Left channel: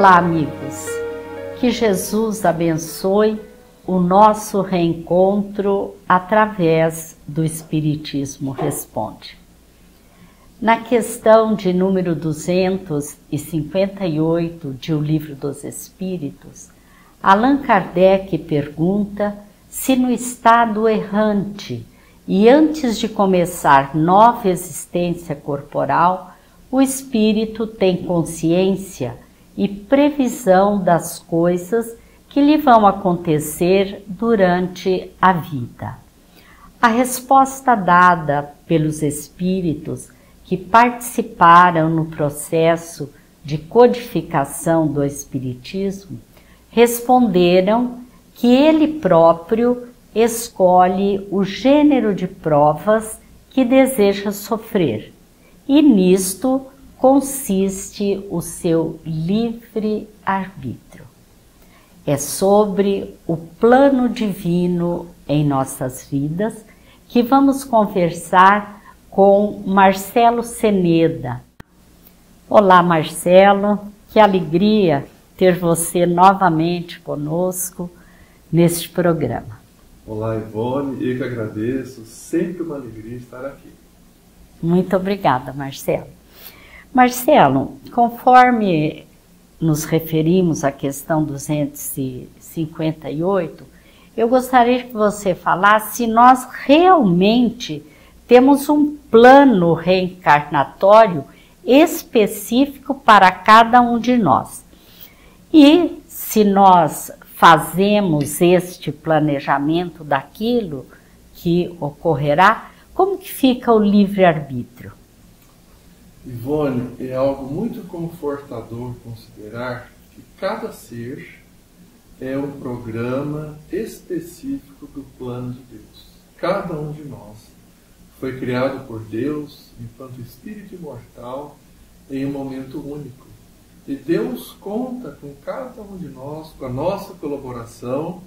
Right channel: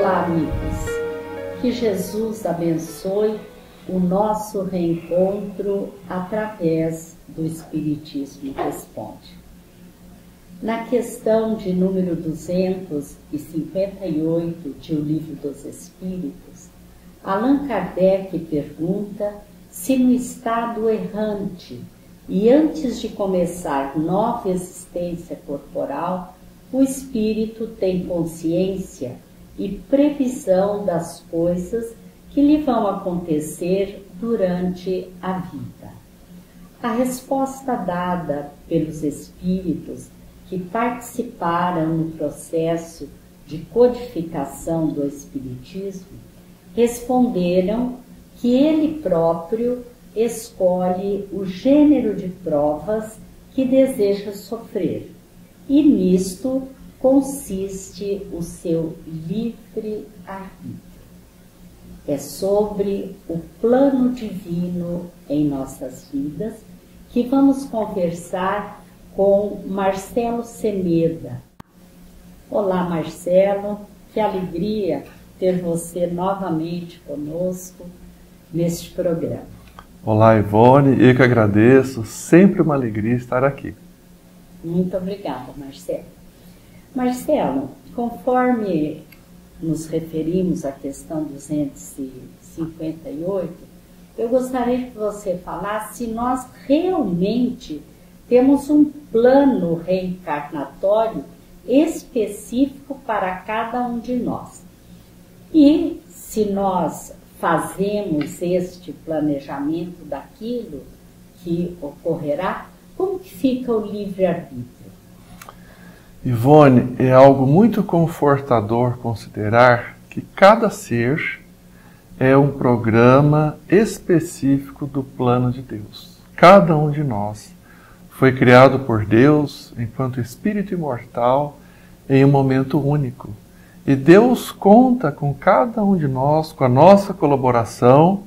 Olá, amigos. Que Jesus abençoe o nosso reencontro através do Espiritismo Responde. Na questão de número 258 de O Livro dos Espíritos, Allan Kardec pergunta se no estado errante e antes de começar nova existência corporal, o espírito tem consciência e previsão das coisas que lhe vão acontecer durante a vida. A resposta dada pelos espíritos que participaram no processo de codificação do Espiritismo responderam que ele próprio escolhe o gênero de provas que deseja sofrer, e nisto consiste o seu livre-arbítrio. É sobre o plano divino em nossas vidas que vamos conversar com Marcelo Ceneda. Olá, Marcelo, que alegria ter você novamente conosco neste programa. Olá, Ivone, eu que agradeço, sempre uma alegria estar aqui. Muito obrigada, Marcelo. Marcelo, conforme nos referimos à questão 258, eu gostaria que você falasse se nós realmente temos um plano reencarnatório específico para cada um de nós. E se nós fazemos este planejamento daquilo que ocorrerá, como que fica o livre-arbítrio? Ivone, é algo muito confortador considerar que cada ser é um programa específico do plano de Deus. Cada um de nós foi criado por Deus enquanto espírito imortal em um momento único. E Deus conta com cada um de nós, com a nossa colaboração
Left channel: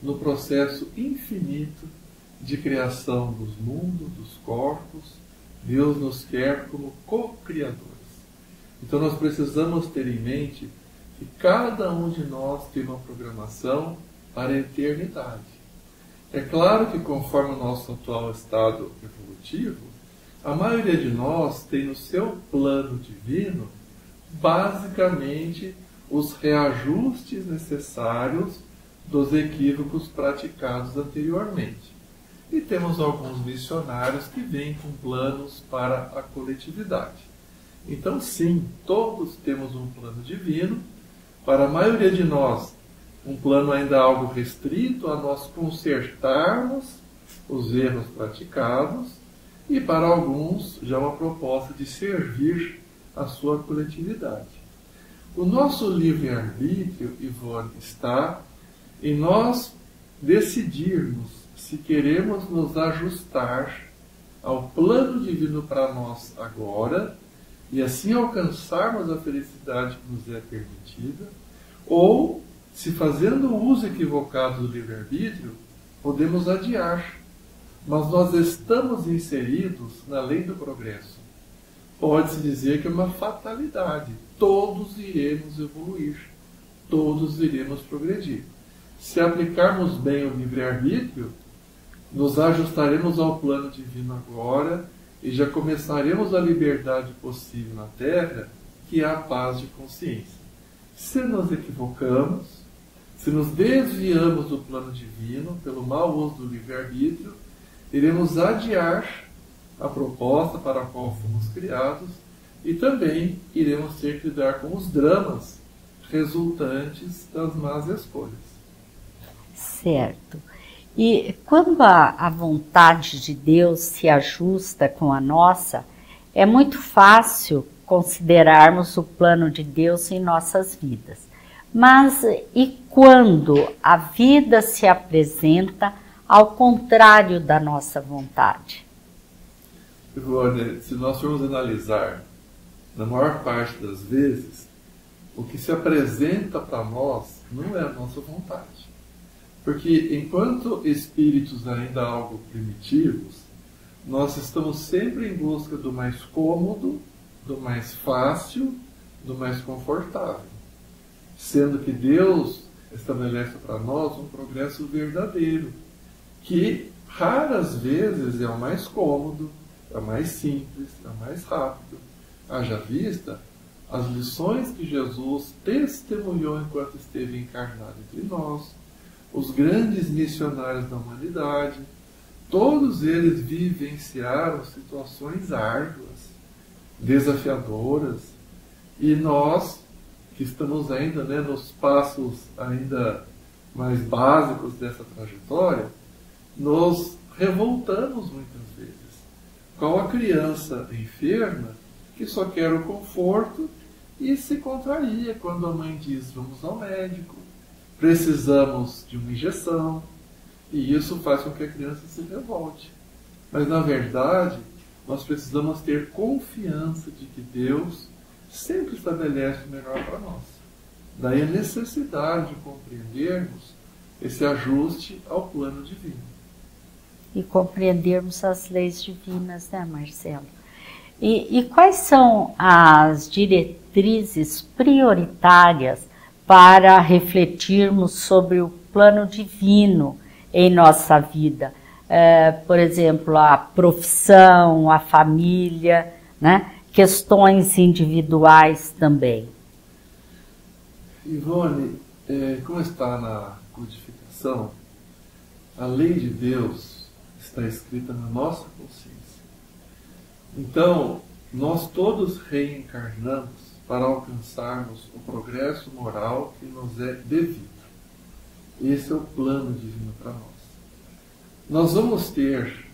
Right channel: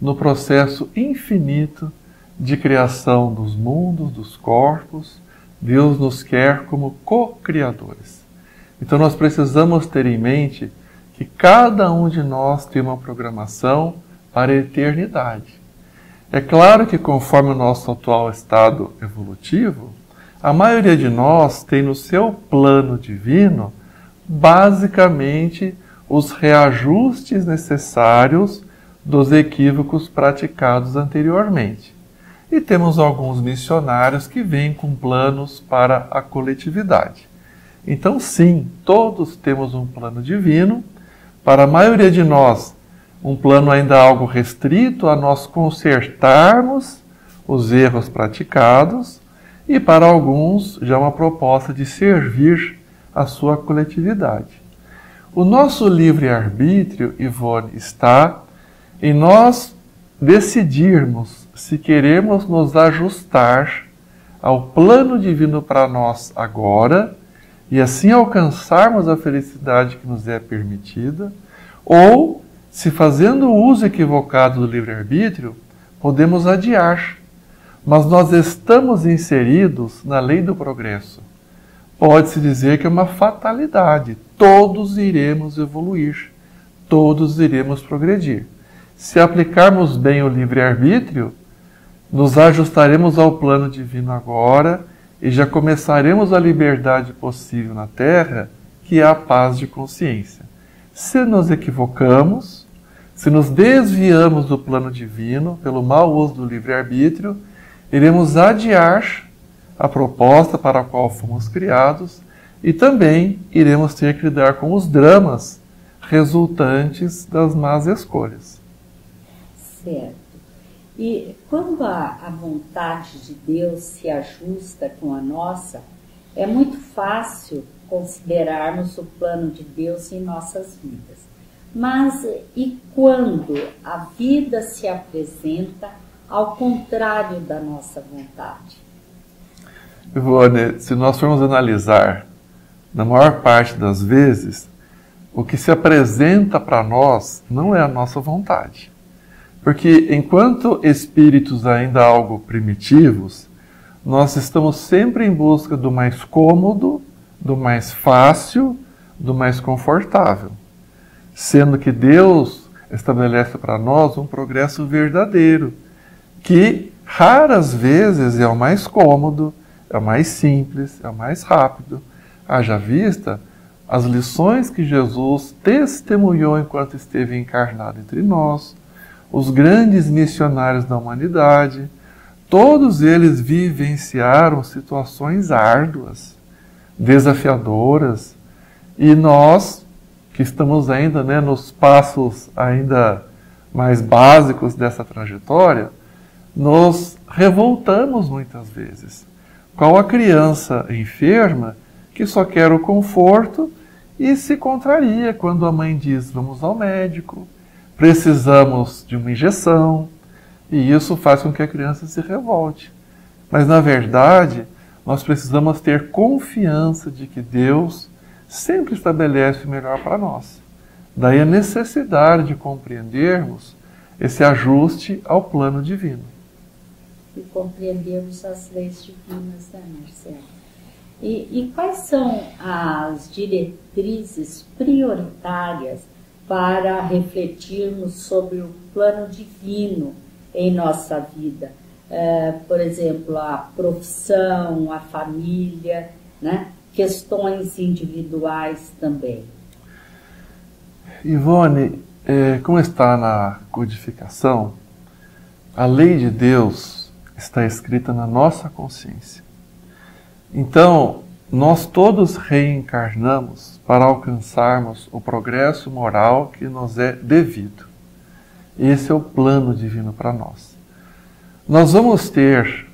no processo infinito de criação dos mundos, dos corpos. Deus nos quer como co-criadores. Então nós precisamos ter em mente que cada um de nós tem uma programação para a eternidade. É claro que conforme o nosso atual estado evolutivo, a maioria de nós tem no seu plano divino basicamente os reajustes necessários dos equívocos praticados anteriormente. E temos alguns missionários que vêm com planos para a coletividade. Então, sim, todos temos um plano divino. Para a maioria de nós, um plano ainda algo restrito a nós consertarmos os erros praticados, e para alguns já uma proposta de servir a sua coletividade. O nosso livre-arbítrio, Ivone, está em nós decidirmos se queremos nos ajustar ao plano divino para nós agora e assim alcançarmos a felicidade que nos é permitida, ou se fazendo o uso equivocado do livre-arbítrio, podemos adiar. Mas nós estamos inseridos na lei do progresso. Pode-se dizer que é uma fatalidade. Todos iremos evoluir, todos iremos progredir. Se aplicarmos bem o livre-arbítrio, nos ajustaremos ao plano divino agora e já começaremos a liberdade possível na Terra, que é a paz de consciência. Se nos equivocamos, se nos desviamos do plano divino pelo mau uso do livre-arbítrio, iremos adiar a proposta para a qual fomos criados e também iremos ter que lidar com os dramas resultantes das más escolhas. Certo. E quando a vontade de Deus se ajusta com a nossa, é muito fácil considerarmos o plano de Deus em nossas vidas. Mas e quando a vida se apresenta ao contrário da nossa vontade? Ivone, se nós formos analisar, na maior parte das vezes, o que se apresenta para nós não é a nossa vontade. Porque enquanto espíritos ainda algo primitivos, nós estamos sempre em busca do mais cômodo, do mais fácil, do mais confortável. sendo que Deus estabelece para nós um progresso verdadeiro, que raras vezes é o mais cômodo, é o mais simples, é o mais rápido. Haja vista as lições que Jesus testemunhou enquanto esteve encarnado entre nós, os grandes missionários da humanidade, todos eles vivenciaram situações árduas, desafiadoras, e nós, que estamos ainda nos passos ainda mais básicos dessa trajetória, nos revoltamos muitas vezes. Qual a criança enferma que só quer o conforto e se contraria quando a mãe diz: vamos ao médico, precisamos de uma injeção, e isso faz com que a criança se revolte. Mas, na verdade, nós precisamos ter confiança de que Deus sempre estabelece o melhor para nós. Daí a necessidade de compreendermos esse ajuste ao plano divino. E compreendermos as leis divinas, né, Marcelo? E quais são as diretrizes prioritárias para refletirmos sobre o plano divino em nossa vida? Por exemplo, a profissão, a família, né? Questões individuais também. Ivone, como está na codificação, a lei de Deus está escrita na nossa consciência. Então, nós todos reencarnamos para alcançarmos o progresso moral que nos é devido. Esse é o plano divino para nós. Nós vamos ter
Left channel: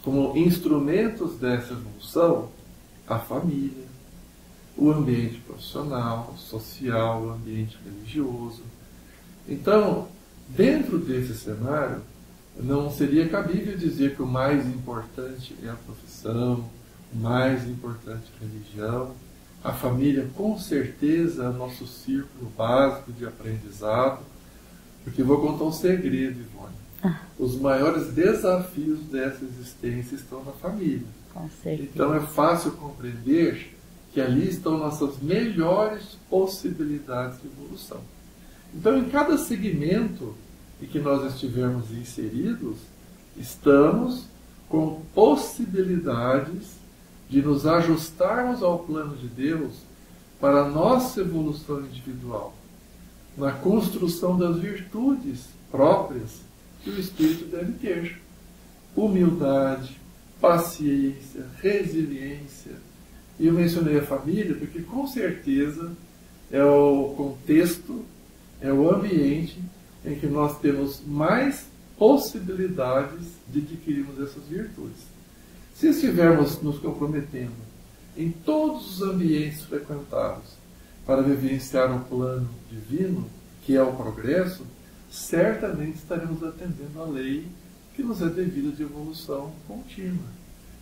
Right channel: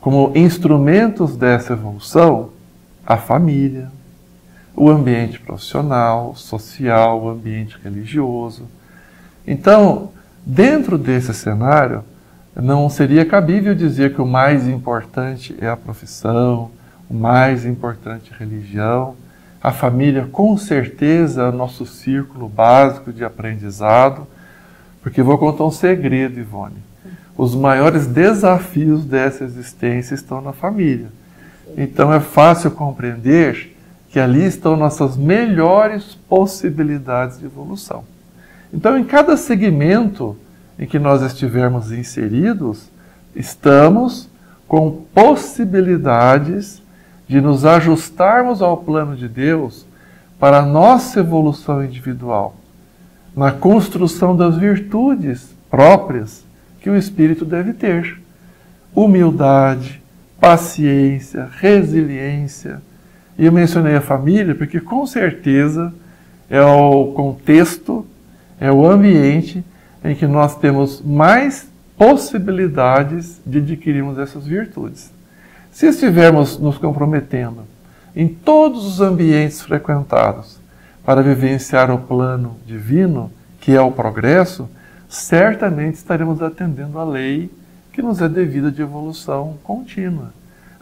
como instrumentos dessa evolução a família, o ambiente profissional, social, o ambiente religioso. Então, dentro desse cenário, não seria cabível dizer que o mais importante é a profissão, o mais importante é a religião. A família, com certeza, é o nosso círculo básico de aprendizado, porque vou contar um segredo, Ivone. Os maiores desafios dessa existência estão na família. Então é fácil compreender que ali estão nossas melhores possibilidades de evolução. Então, em cada segmento em que nós estivermos inseridos, estamos com possibilidades de nos ajustarmos ao plano de Deus para a nossa evolução individual, na construção das virtudes próprias que o espírito deve ter. Humildade, paciência, resiliência. E eu mencionei a família porque, com certeza, é o contexto, é o ambiente em que nós temos mais possibilidades de adquirirmos essas virtudes. Se estivermos nos comprometendo em todos os ambientes frequentados para vivenciar o plano divino, que é o progresso, certamente estaremos atendendo à lei que nos é devida de evolução contínua.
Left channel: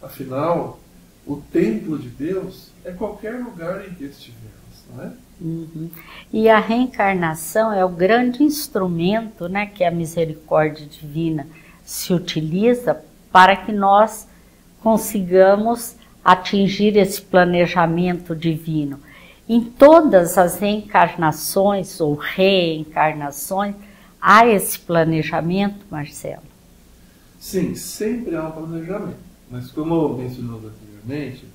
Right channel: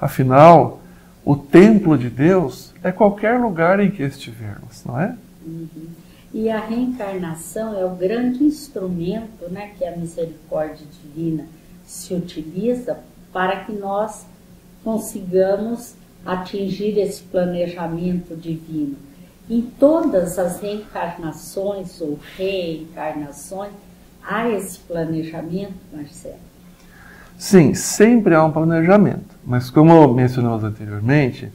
Afinal, o templo de Deus é qualquer lugar em que estivermos, não é? Uhum. E a reencarnação é o grande instrumento, né, que a misericórdia divina se utiliza para que nós consigamos atingir esse planejamento divino. Em todas as reencarnações ou reencarnações, há esse planejamento, Marcelo? Sim, sempre há um planejamento. Mas como mencionamos anteriormente,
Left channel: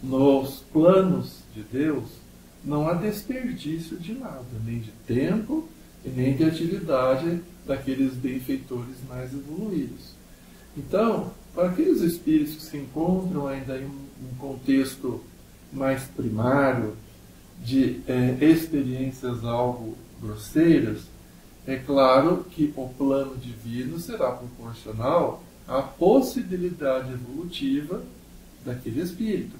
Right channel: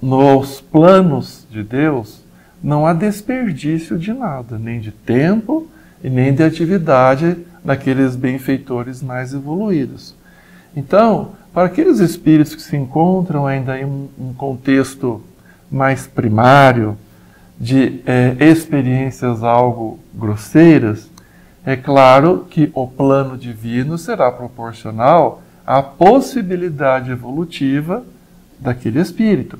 nos planos de Deus não há desperdício de nada, nem de tempo e nem de atividade daqueles benfeitores mais evoluídos. Então, para aqueles espíritos que se encontram ainda em um contexto mais primário, de experiências algo grosseiras, é claro que o plano divino será proporcional à possibilidade evolutiva daquele espírito.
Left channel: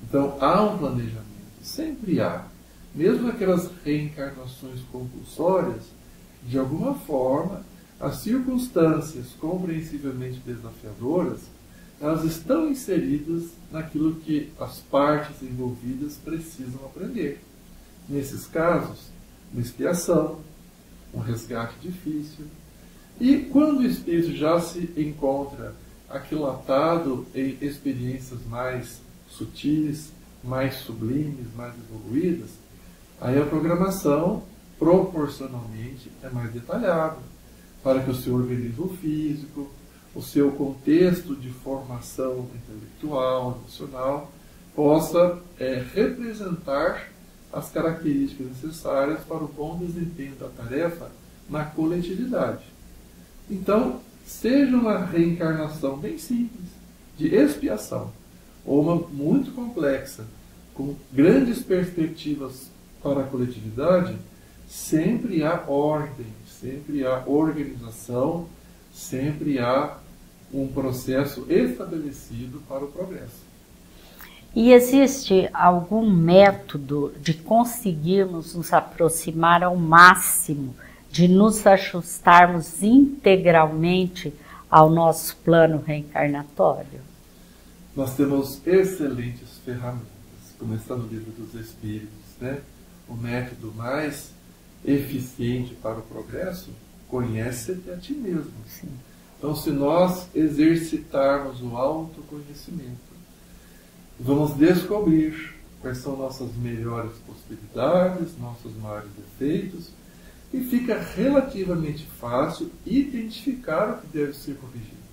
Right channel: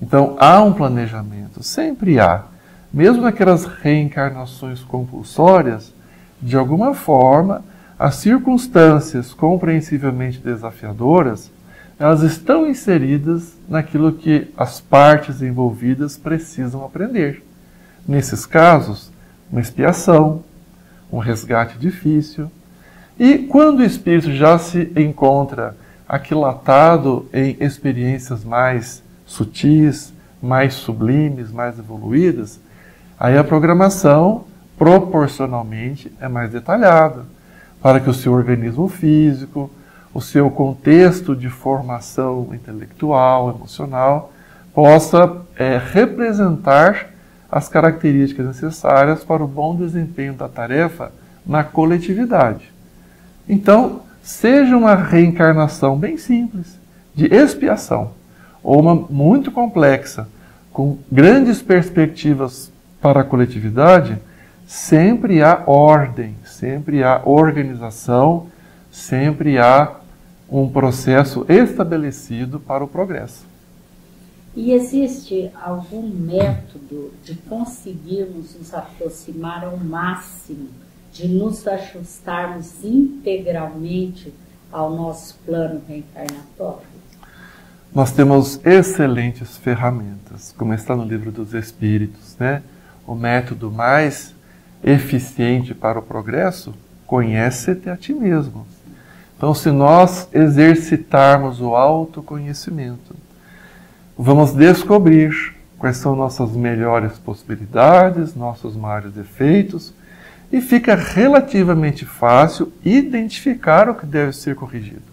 Então, há um planejamento, sempre há. Mesmo naquelas reencarnações compulsórias, de alguma forma, as circunstâncias compreensivelmente desafiadoras, elas estão inseridas naquilo que as partes envolvidas precisam aprender. Nesses casos, uma expiação, um resgate difícil. E quando o espírito já se encontra aquilatado em experiências mais sutis, mais sublimes, mais evoluídas, Aí a programação, proporcionalmente, é mais detalhada, para que o seu organismo físico, o seu contexto de formação intelectual, emocional, possa representar as características necessárias para o bom desempenho da tarefa na coletividade. Então, seja uma reencarnação bem simples, de expiação, ou uma muito complexa, com grandes perspectivas para a coletividade, sempre há ordem, sempre há organização, sempre há um processo estabelecido para o progresso. E existe algum método de conseguirmos nos aproximar ao máximo, de nos ajustarmos integralmente ao nosso plano reencarnatório? Nós temos excelentes ferramentas, como está no Livro dos Espíritos, né? O método mais eficiente para o progresso, conhece-te a ti mesmo. Sim. Então, se nós exercitarmos o autoconhecimento, vamos descobrir quais são nossas melhores possibilidades, nossos maiores defeitos, e fica relativamente fácil identificar o que deve ser corrigido.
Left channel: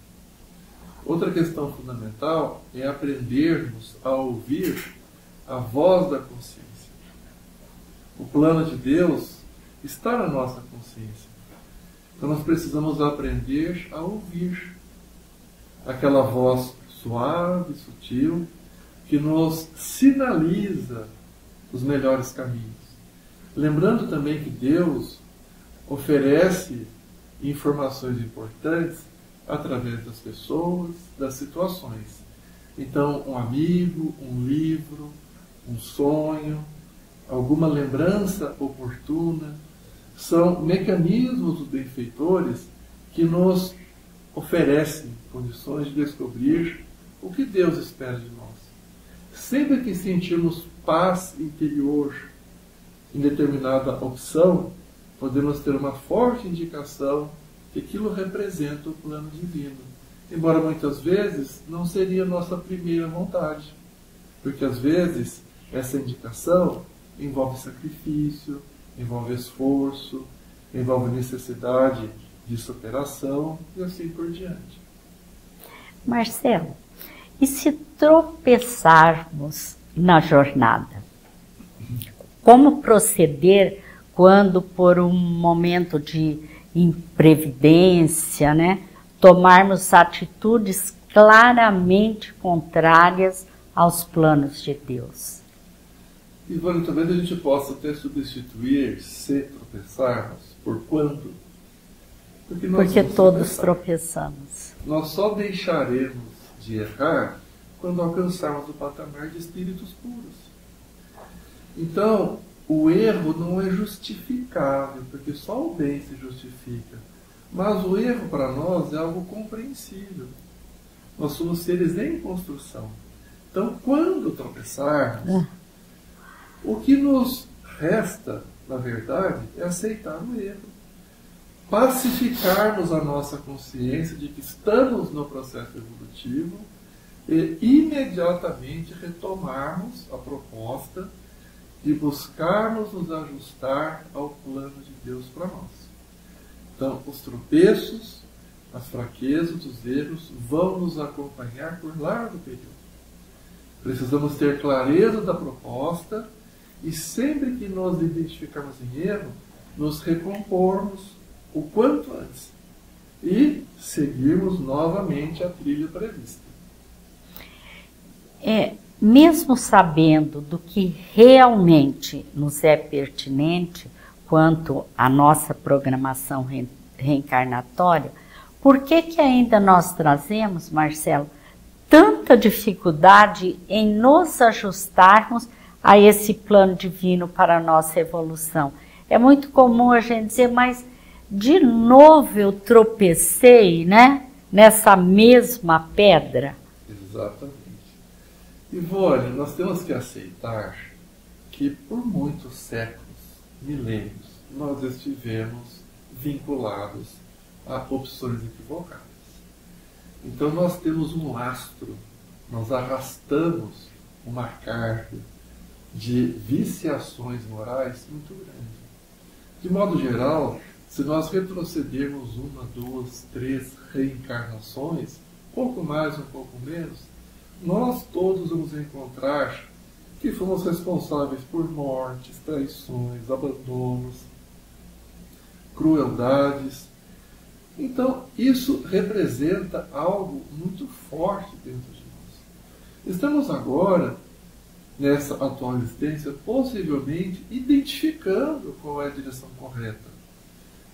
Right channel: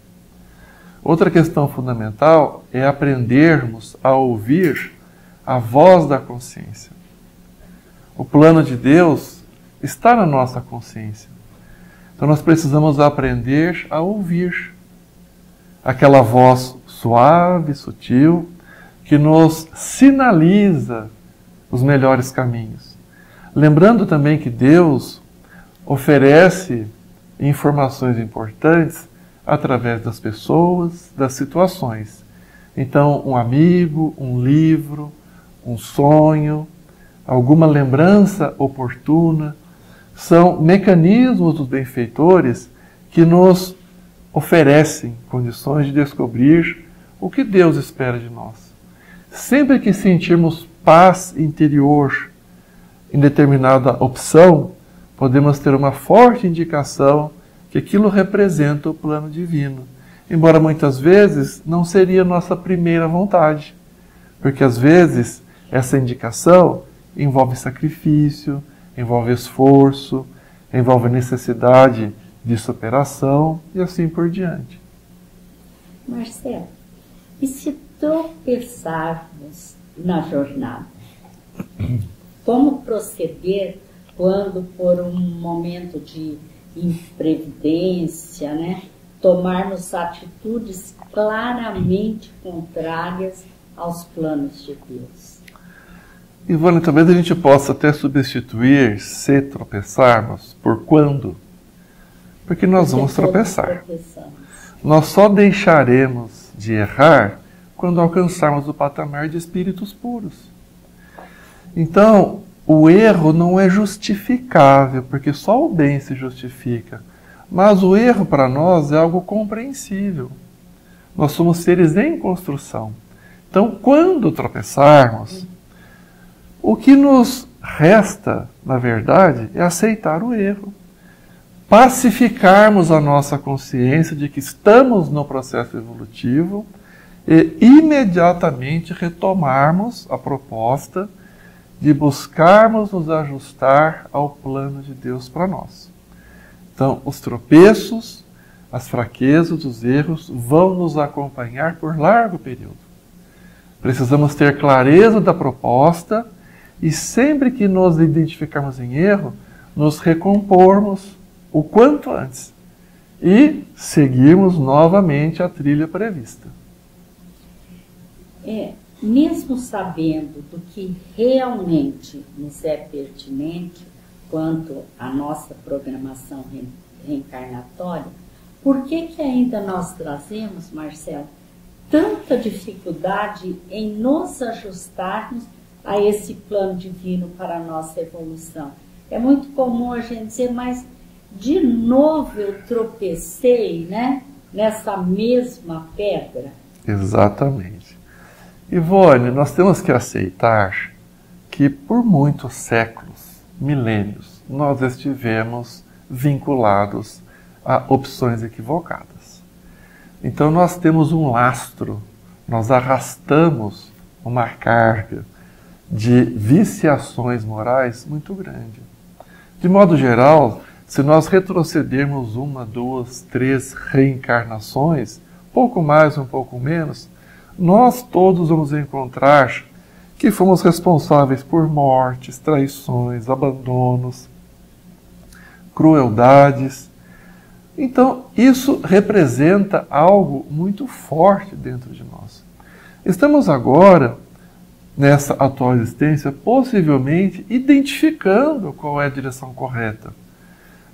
Outra questão fundamental é aprendermos a ouvir a voz da consciência. O plano de Deus está na nossa consciência. Então nós precisamos aprender a ouvir aquela voz suave, sutil, que nos sinaliza os melhores caminhos. Lembrando também que Deus oferece informações importantes através das pessoas, das situações. Então, um amigo, um livro, um sonho, alguma lembrança oportuna, são mecanismos dos benfeitores que nos oferecem condições de descobrir o que Deus espera de nós. Sempre que sentirmos paz interior em determinada opção, podemos ter uma forte indicação que aquilo representa o plano divino. Embora muitas vezes não seria nossa primeira vontade, porque às vezes essa indicação envolve sacrifício, envolve esforço, envolve necessidade de superação e assim por diante. Marcelo, e se tropeçarmos na jornada? Como proceder quando, por um momento de imprevidência, tomarmos atitudes claramente contrárias aos planos de Deus? Ivone, talvez a gente possa até substituir se tropeçarmos por quando. Porque nós vamos tropeçar. Tropeçamos. Nós só deixaremos de errar quando alcançarmos o patamar de espíritos puros. Então, o erro não é justificável, porque só o bem se justifica. Mas o erro para nós é algo compreensível. Nós somos seres em construção. Então, quando tropeçarmos, o que nos resta, na verdade, é aceitar o erro. Pacificarmos a nossa consciência de que estamos no processo evolutivo e imediatamente retomarmos a proposta de buscarmos nos ajustar ao plano de Deus para nós. Então, os tropeços, as fraquezas, os erros vão nos acompanhar por largo período. Precisamos ter clareza da proposta e sempre que nos identificarmos em erro, nos recompormos o quanto antes e seguirmos novamente a trilha prevista. Mesmo sabendo do que realmente nos é pertinente quanto à nossa programação reencarnatória, por que ainda nós trazemos, Marcelo, tanta dificuldade em nos ajustarmos a esse plano divino para a nossa evolução? É muito comum a gente dizer, mas de novo eu tropecei, nessa mesma pedra. Exatamente. Ivone, nós temos que aceitar que por muitos séculos, milênios, nós estivemos vinculados a opções equivocadas. Então nós temos um lastro, nós arrastamos uma carga de viciações morais muito grande. De modo geral, se nós retrocedermos 1, 2, 3 reencarnações, pouco mais, um pouco menos, nós todos vamos encontrar que fomos responsáveis por mortes, traições, abandonos, crueldades. Então, isso representa algo muito forte dentro de nós. Estamos agora, nessa atual existência, possivelmente identificando qual é a direção correta.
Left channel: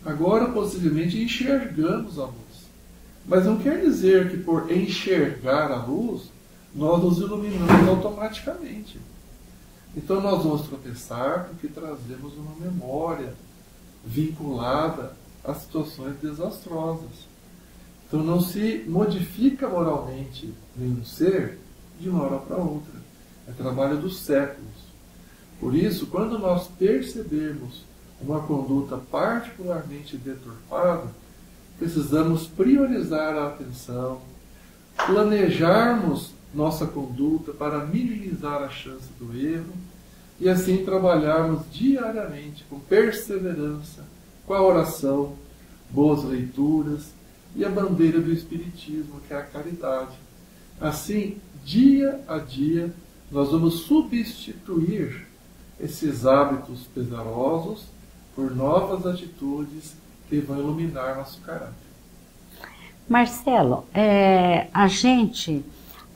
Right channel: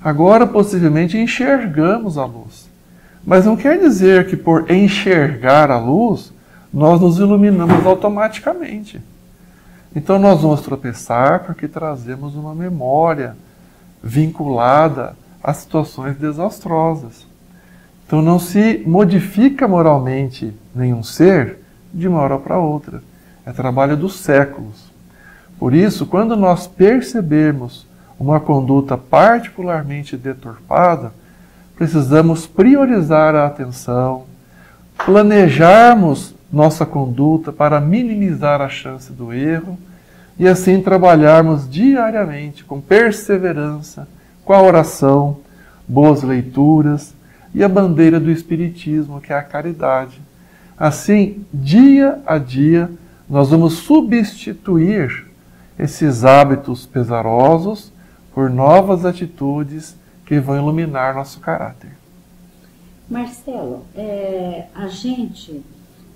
Agora, possivelmente, enxergamos a luz. Mas não quer dizer que por enxergar a luz, nós nos iluminamos automaticamente. Então nós vamos tropeçar porque trazemos uma memória vinculada a situações desastrosas. Então não se modifica moralmente nenhum ser de uma hora para outra. É trabalho dos séculos. Por isso, quando nós percebemos uma conduta particularmente deturpada, precisamos priorizar a atenção, planejarmos nossa conduta para minimizar a chance do erro e assim trabalharmos diariamente com perseverança, com a oração, boas leituras e a bandeira do Espiritismo, que é a caridade. Assim, dia a dia, nós vamos substituir esses hábitos pesarosos por novas atitudes que vão iluminar nosso caráter. Marcelo, a gente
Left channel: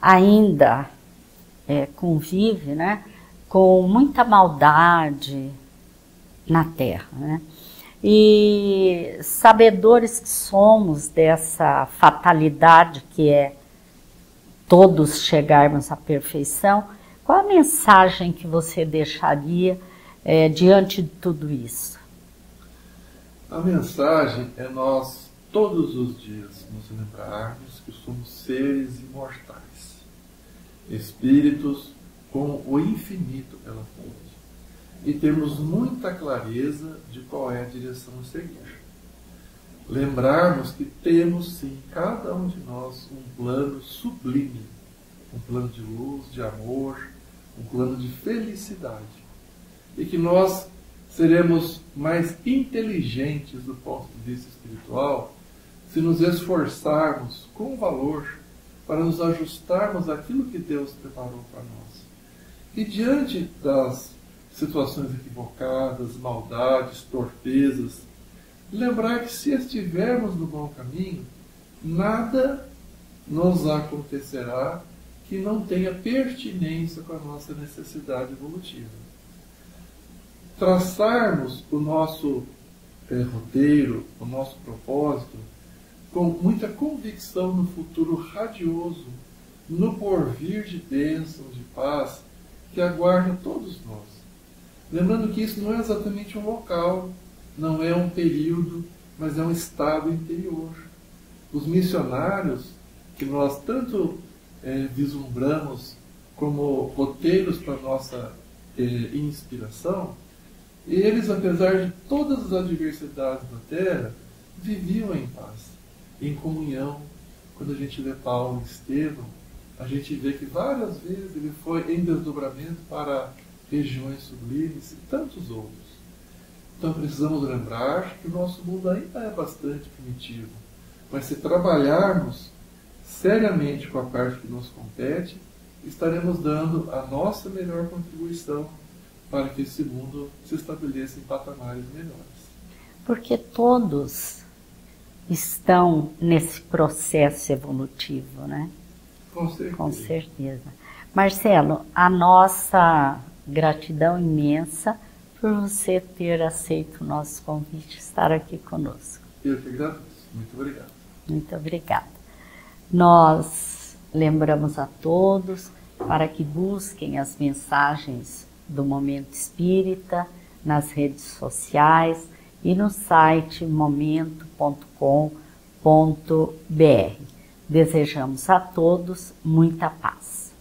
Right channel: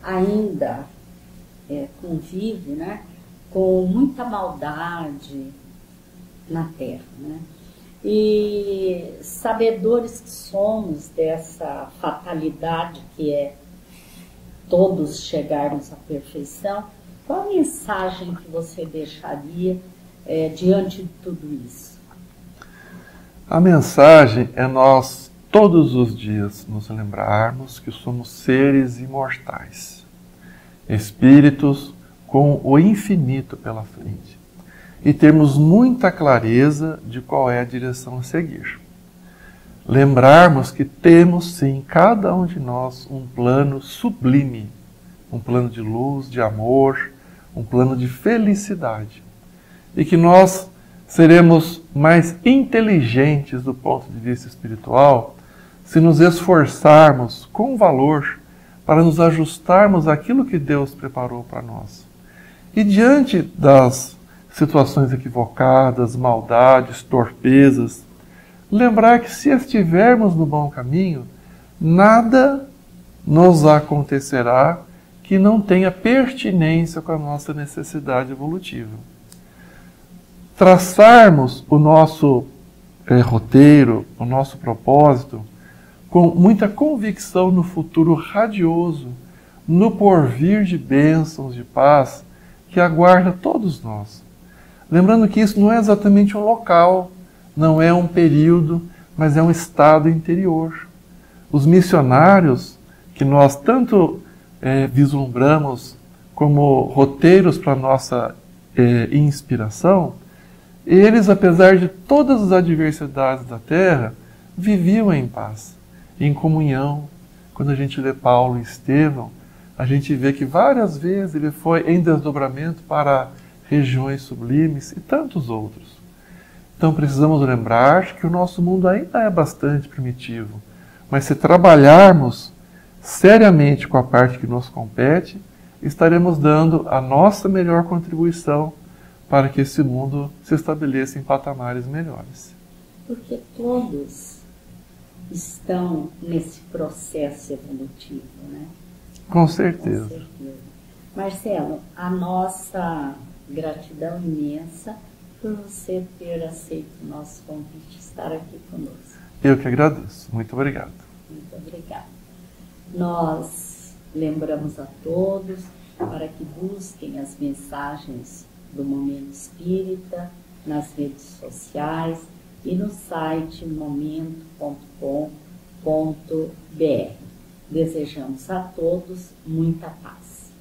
ainda convive, né, com muita maldade na Terra, né? E sabedores que somos dessa fatalidade que é todos chegarmos à perfeição, qual a mensagem que você deixaria diante de tudo isso? A mensagem é nós todos os dias nos lembrarmos que somos seres imortais, espíritos com o infinito pela frente, e termos muita clareza de qual é a direção a seguir. Lembrarmos que temos sim, cada um de nós, um plano sublime, um plano de luz, de amor, um plano de felicidade, e que nós seremos mais inteligentes do ponto de vista espiritual se nos esforçarmos com valor para nos ajustarmos àquilo que Deus preparou para nós. E diante das situações equivocadas, maldades, torpezas, lembrar que se estivermos no bom caminho, nada nos acontecerá que não tenha pertinência com a nossa necessidade evolutiva. Traçarmos o nosso roteiro, o nosso propósito, com muita convicção no futuro radioso, no porvir de bênçãos, de paz, que aguarda todos nós. Lembrando que isso não é exatamente um local, não é um período, mas é um estado interior. Os missionários, que nós tanto vislumbramos como roteiros para a nossa inspiração, eles, apesar de todas as adversidades da Terra, viviam em paz, em comunhão. Quando a gente lê Paulo e Estevão, a gente vê que várias vezes ele foi em desdobramento para regiões sublimes e tantos outros. Então precisamos lembrar que o nosso mundo ainda é bastante primitivo, mas se trabalharmos seriamente com a parte que nos compete, estaremos dando a nossa melhor contribuição para que esse mundo se estabeleça em patamares melhores. Porque todos estão nesse processo evolutivo, né? Com certeza. Com certeza. Marcelo, a nossa gratidão imensa por você ter aceito o nosso convite, estar aqui conosco. Eu que agradeço. Muito obrigado. Muito obrigada. Nós lembramos a todos para que busquem as mensagens do Momento Espírita nas redes sociais e no site momento.com.br. Desejamos a todos muita paz.